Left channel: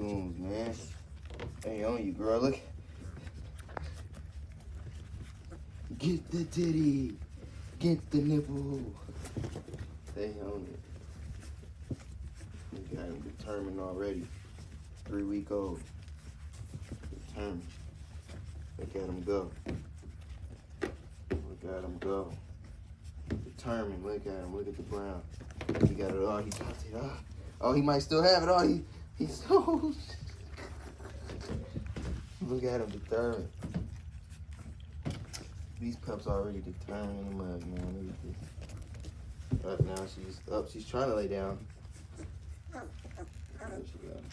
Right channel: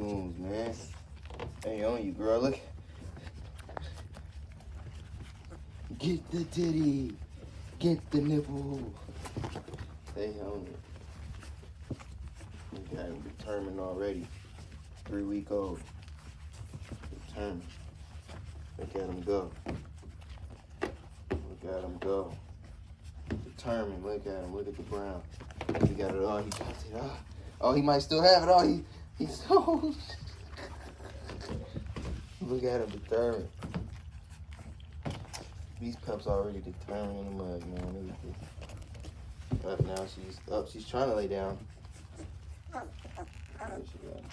spoons, man. Hey, on you, girl. Look. Get the titty. Get the nipple. Stay on it. Look at him determined already. 3-week-old. Determined. Look at him go. Look at him go. Determined. Look at him. Look at the brown. He got it on. He got it. Oh, he might still have it on. He's so. Look at him determined. These pups already determined in the mud, man. Look at this. Up now, she's up. She's trying to lay down. There she goes.